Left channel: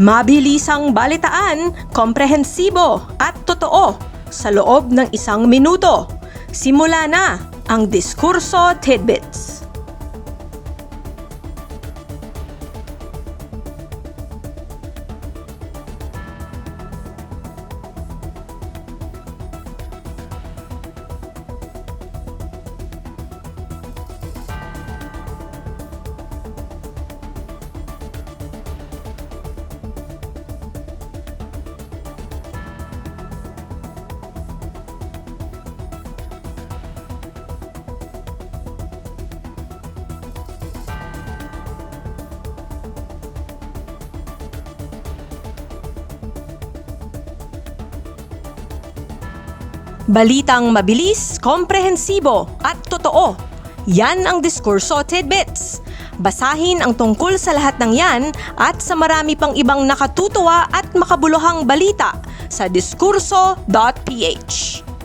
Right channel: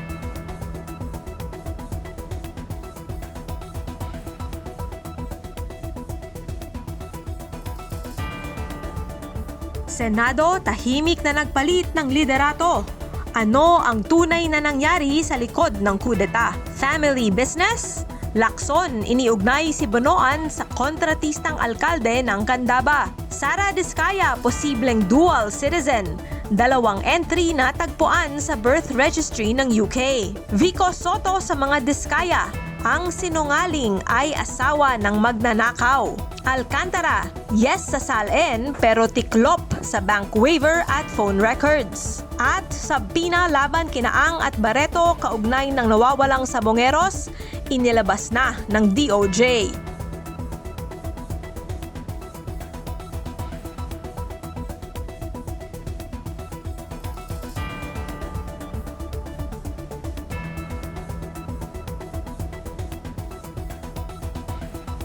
Mabilisang balitaan, komprehensibo at totoo sa loob ng isang minuto. Simula na ang Diskurso Tidbits. Senado tahimik na nagpalit ng liderato. Ano ang tunay na nangyari sa likod ng kudeta? Family business? Lakson, iniugnay si Bonoan sa kontratistang alkalde ng Candaba. Sara Diskaya, posibleng dual citizen. Dalawang entry na tagpuan sa birth registry ng UK. Vico Soto sa mga Diskaya. Ang sinungaling ay asawa ng magnanakaw. Alcantara, yes sa salin pero tiklop sa bank waiver at phone records. At sa Pina laban kinaang at Barreto kaugnay ng nawawalang sabongeros, inilabas na ng DOJ. Balitang mabilis, komprehensibo at totoo. Yan ang Diskurso Tidbits. Basahin ang tungkol sa lahat ng yan at sa marami pang ibang nakatutuwa at makabuluhang balita sa diskurso.ph.